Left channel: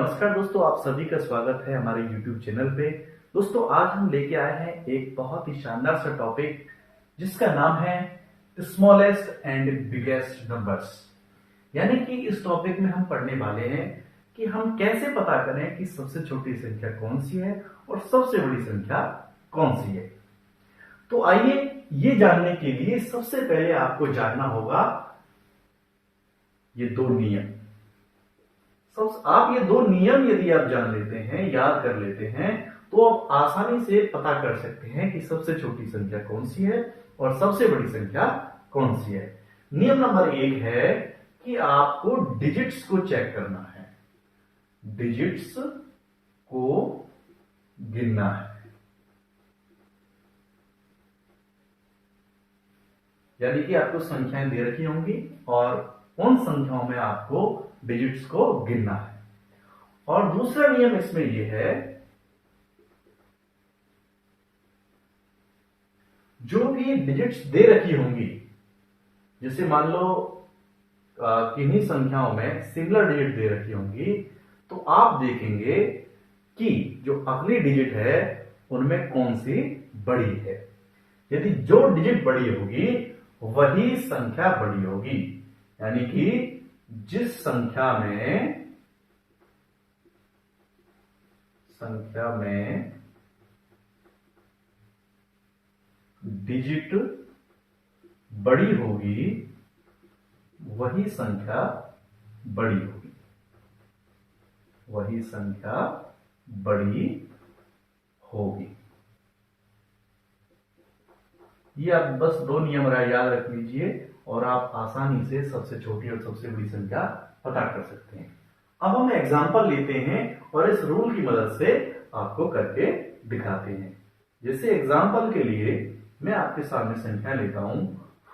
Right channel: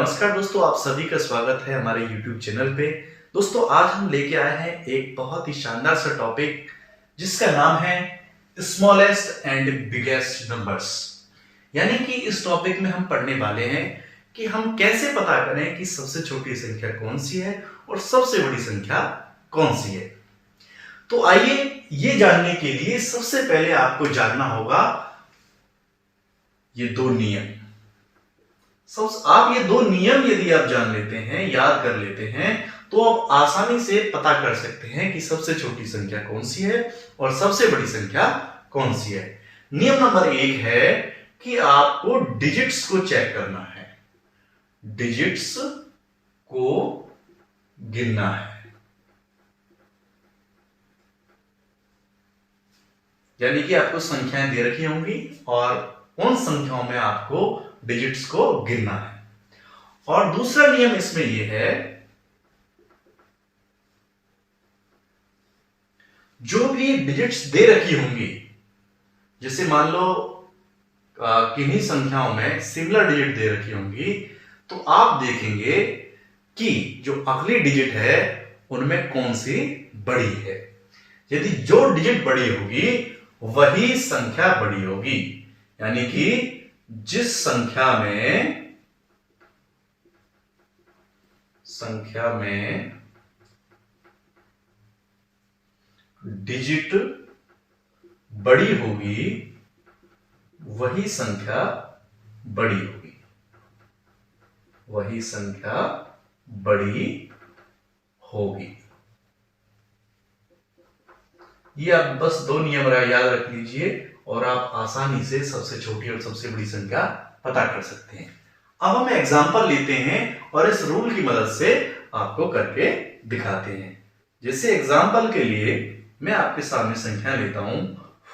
नमस्कार दोस्तों, आप सभी का स्वागत है हमारे YouTube चैनल पे। दोस्तों, आज हम लेके आए हैं एक बहुत ही शानदार सा टॉपिक जिसका नाम है स्मॉलेस्ट एंड बिगेस्ट नंबर्स। यानी कि इस टॉपिक में हम पढ़ने वाले हैं कि हम कैसे पता करें कि सबसे छोटी संख्या कौन सी है और सबसे बड़ी संख्या कौन सी है। तो आइए ये जानने के लिए सबसे पहले आपको जानना होगा ये दो नियम। आप ये दो नियम यदि आप जान लेते हैं, याद कर लेते हैं, तो आप आसानी से पता कर सकते हैं कि सबसे छोटी संख्या कौन सी है और सबसे बड़ी संख्या कौन सी है। नियम नंबर 1 है कि आपको डिजिट्स को चेक करना है, डिजिट्स को गिनना है। यानी कि आपको संख्याएं दे रखी होंगी और उन संख्याओं में आपको डिजिट्स को गिनना है। और दूसरा नियम इसमें यह है, जो भी डिजिट्स दे रखी होंगी, जैसे मान लो किन्हीं संख्याओं में सिमिलर डिजिट दे रखी होंगी, तो आप देखेंगे कि जो अगली डिजिट है उनमें कौन सी बड़ी है। यदि जो डिजिट बड़ी होगी वही संख्या बड़ी होगी। यानी कि जिस संख्या में डिजिट बड़ी होगी वही संख्या बड़ी होगी, वही संख्या बड़ी होगी। ये आप बस दो नियम याद रख लीजिए और आप आसानी से सबसे छोटी और सबसे बड़ी संख्या पता कर सकते हैं। अब हम एग्जांपल लेते हैं और इस रूल की मदद से आपको करके दिखाते हैं। जैसे एग्जांपल के लिए मैं आपके सामने संख्या लेता हूं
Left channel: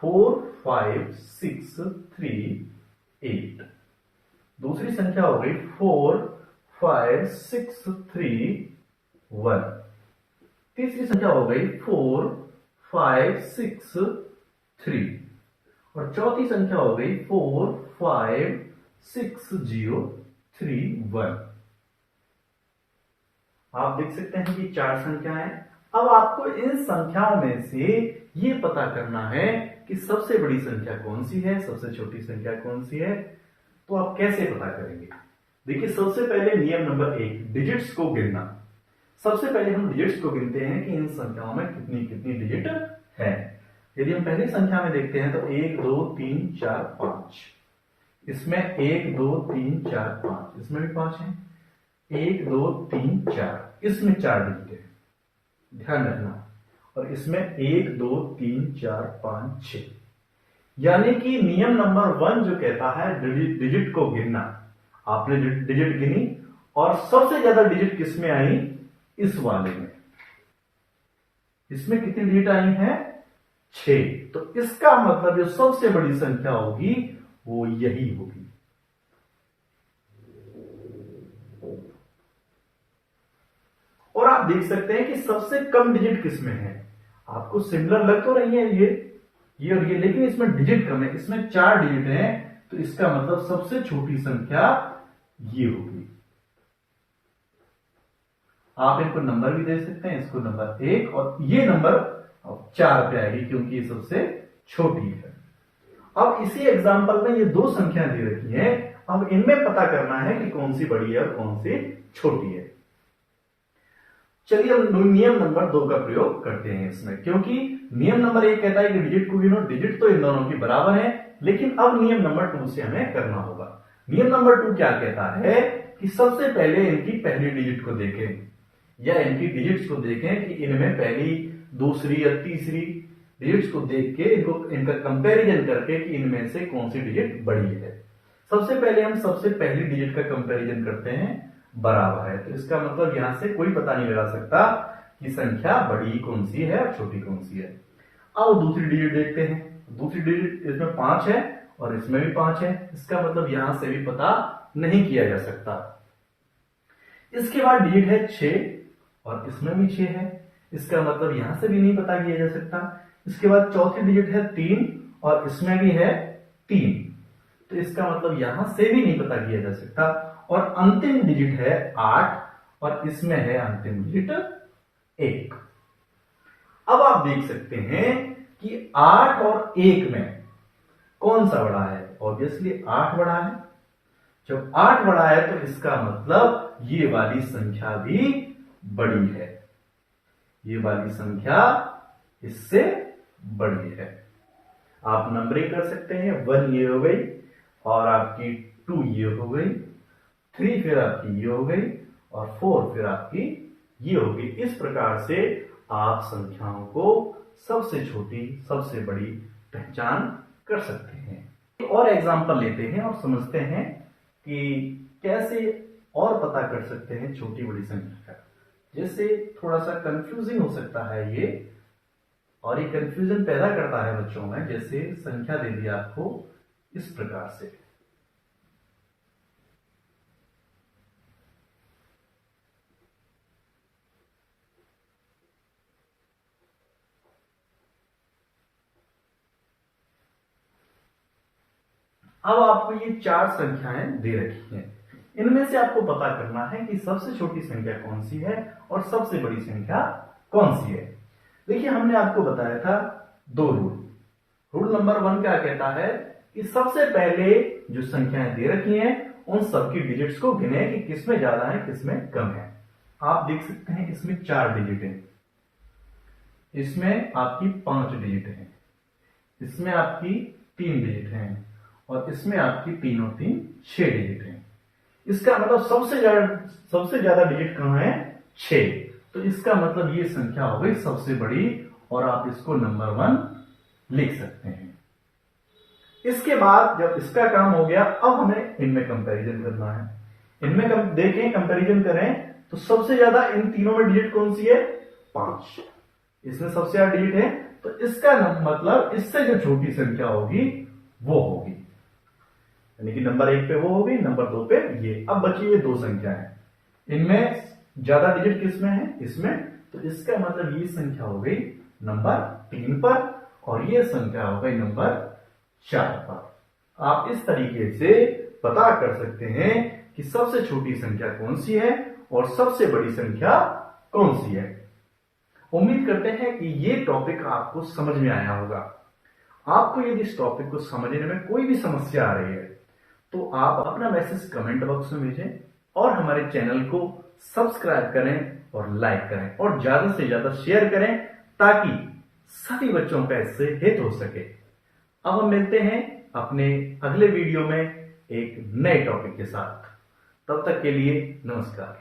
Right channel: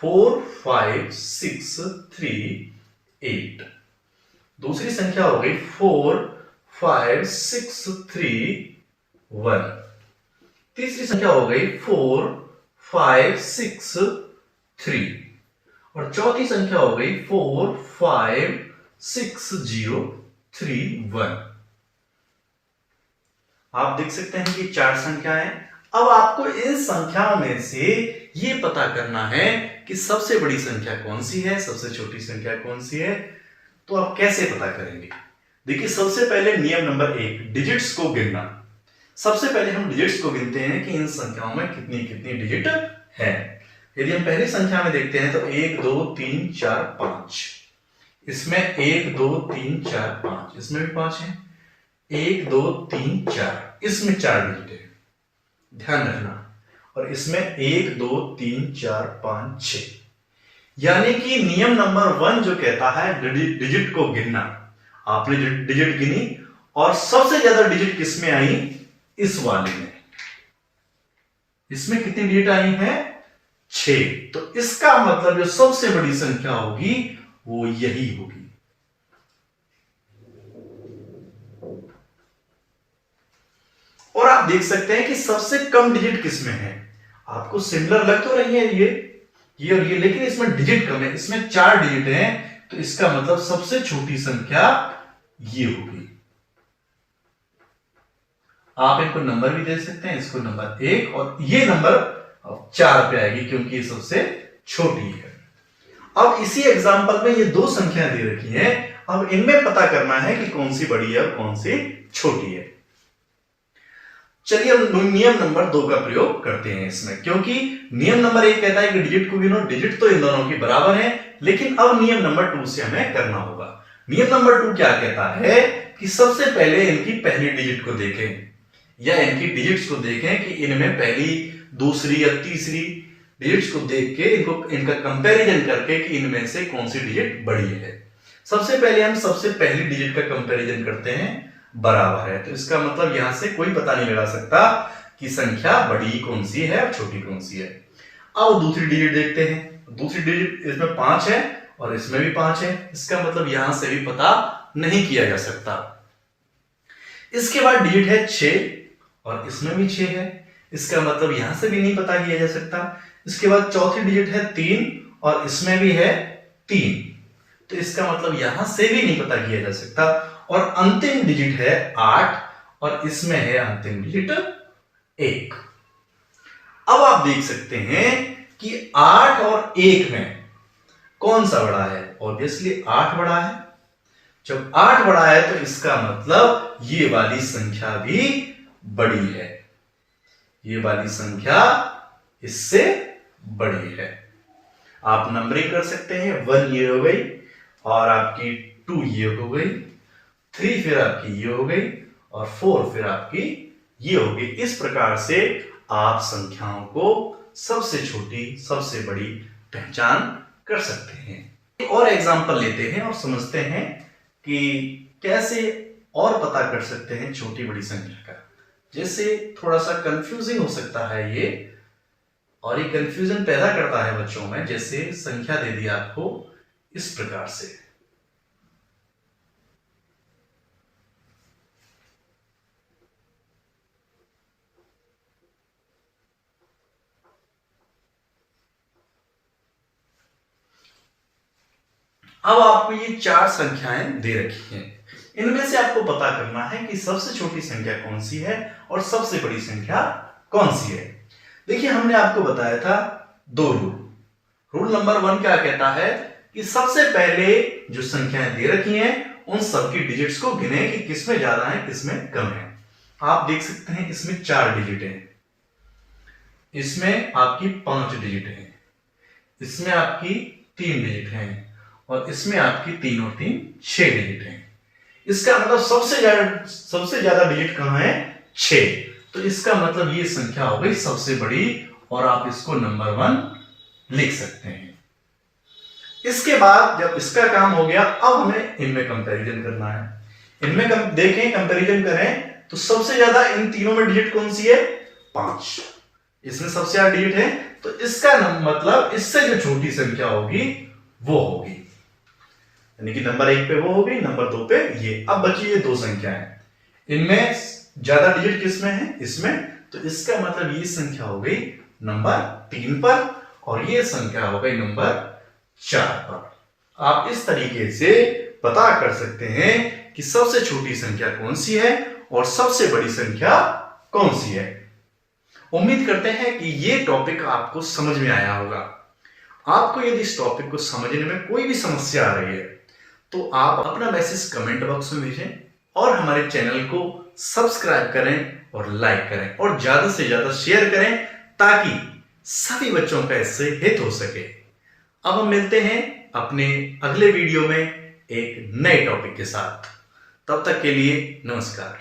4 5 6 3 8। दूसरी संख्या हो गई 4 5 6 3 1। तीसरी संख्या हो गई 4 5 6 3 और चौथी संख्या हो गई 4 5 6 0 3 1। आप देख सकते हैं कि 4 संख्याएं। अब आपको इन संख्याओं में से ये पता करना है कि सबसे बड़ी संख्या कौन सी है, सबसे छोटी संख्या कौन सी है। तो आप कैसे पता करेंगे? देखिए, सबसे पहले नियम नंबर 1, डिजिट्स को गिनना। सबसे पहले हम डिजिट्स को गिनते हैं कि इन संख्याओं में कितनी कितनी डिजिट है। यदि हम पहली संख्या में देखते हैं तो 1 2 3 4 5। इसमें 1 2 3 4 5, इसमें भी 5 है। 1 2 3 4, इसमें 4 डिजिट है, ध्यान रखना। और इसमें 1 2 3 4 5 6। यानी कि नियम नंबर 1 जो कहता है डिजिट को गिनना। आपने डिजिट गिनी और सबसे ज्यादा डिजिट किसमें आई? इस वाले में। इसमें कितनी डिजिट आई है? 6। तो इसका मतलब जो सबसे बड़ी संख्या होगी वो यही होगी। और आप देख सकते हैं कि सबसे कम डिजिट किसमें है। आपको सिमिलर लग तो रही है ये और ये, लेकिन इसमें डिजिट कम है। इसमें 4 डिजिट हैं, तो इसका मतलब सबसे छोटी संख्या ये होगी। आप इनको नंबर भी दे सकते हैं, इसको नंबर 1 और ये नंबर 4 पे आएगी क्योंकि ये सबसे छोटी है। अब इसी एग्जांपल में ये दो संख्या दे रखी है। अब इनमें पता करना है कि कौन सी बड़ी है और कौन सी छोटी है। चलिए हम नियम नंबर 2 का प्रयोग करते हैं इसमें, क्योंकि नियम नंबर 1 कहता है कि डिजिट को गिनो। डिजिट तो इन दोनों की बराबर है, लेकिन अब नियम नंबर 2 से हमें करना होगा। नियम नंबर 2 क्या कहता है कि सबसे पहले इनकी पहली डिजिट को देखें या इनकी डिजिट्स को देखें कि इनमें पहली, दूसरी या तीसरी डिजिट्स को देख के इनका कंपैरिजन करके कि इनमें से कौन सी डिजिट बड़ी है। सबसे पहले हम सबसे पहली डिजिट का कंपैरिजन करते हैं, बराबर है। तो इसका मतलब यहां से कोई पता नहीं लगा सकता कि संख्या बड़ी कौन सी है और छोटी कौन सी है। अब दूसरी डिजिट देखते हैं। दूसरी डिजिट इसमें 5 है और इसमें भी 5 है। इसका मतलब यहां से भी पता नहीं किया जा सकता। इसके बाद डिजिट है 6 और इसमें भी 6 है। इसका मतलब यहां से भी नहीं पता किया जा सकता। इसके बाद चौथी डिजिट है 3 और इसमें भी है 3, तो इसका मतलब यहां से भी नहीं पता किया जा सकता। और अंतिम डिजिट है 8 और इसमें है अंतिम डिजिट 1। अब आप देख सकते हैं कि 8 और 1 में कौन सा बड़ा है? ऑब्वियसली 8 बड़ा है। जब 8 बड़ा है तो इसका मतलब ये वाली संख्या भी बड़ी है, ये वाली संख्या इससे बड़ी है। आप नंबरिंग कर सकते हैं, 1 ये हो गई और आपकी 2 ये हो गई, 3 फिर आपकी ये हो गई और 4 फिर आपकी ये हो गई। इस प्रकार से आप संख्याओं को सबसे छोटी सबसे बड़ी पहचान कर सकते हैं। एक और एग्जांपल लेते हैं और समझते हैं कि कैसे और पता कर सकते हैं छोटी बड़ी संख्या का। जैसे थोड़ा सा कंफ्यूजिंग हो सकता है ये, और ये कंफ्यूजन पैदा करता है बच्चों में। जैसे संख्या दे दी आपको इस प्रकार से, अब आपको ये 4 संख्याएं दे रखी हैं। इनमें से आपको पता करना है कि सबसे छोटी संख्या कौन सी है और सबसे बड़ी संख्या कौन सी है। देखिए, हमने आपको बताया था 2 रूल। रूल नंबर 1 क्या कहता है कि सबसे पहले जो संख्याएं दे रखी हैं उन सबकी डिजिट्स को गिने कि किसमें ज्यादा है किसमें कम है। आप देख सकते हैं इसमें 4 डिजिट है, इसमें आपकी 5 डिजिट है, इसमें आपकी 3 डिजिट है और इसमें आपकी 3 और 3 6 डिजिट है। इसका मतलब सबसे ज्यादा डिजिट कहां है? 6। तो इसका मतलब ये संख्या हो गई सबसे बड़ी और आप इसको नंबर 1 लिख सकते हैं। इसके बाद जब इसका काम हो गया, अब हमें इनमें कंपैरिजन करना है। इनमें देखें, कंपैरिजन करें तो सबसे ज्यादा इन तीनों में डिजिट कौन सी है? 5। इसमें सबसे ज्यादा डिजिट है, तो इसका मतलब इससे जो छोटी संख्या होगी वो होगी, यानी कि नंबर 1 पे वो होगी, नंबर 2 पे ये। अब बची ये 2 संख्याएं, इनमें ज्यादा डिजिट किसमें है? इसमें। तो इसका मतलब ये संख्या हो गई नंबर 3 पर और ये संख्या हो गई नंबर 4 पर। आप इस तरीके से पता कर सकते हैं कि सबसे छोटी संख्या कौन सी है और सबसे बड़ी संख्या कौन सी है। उम्मीद करते हैं कि ये टॉपिक आपको समझ में आया होगा। आपको यदि इस टॉपिक को समझने में कोई भी समस्या आ रही है तो आप अपना मैसेज कमेंट बॉक्स में भेजें और हमारे चैनल को सब्सक्राइब करें और लाइक करें और ज्यादा से ज्यादा शेयर करें ताकि सभी बच्चों का इससे हित हो सके। अब हम मिलते हैं अपने अगले वीडियो में एक नए टॉपिक के साथ। तब तक के लिए नमस्कार।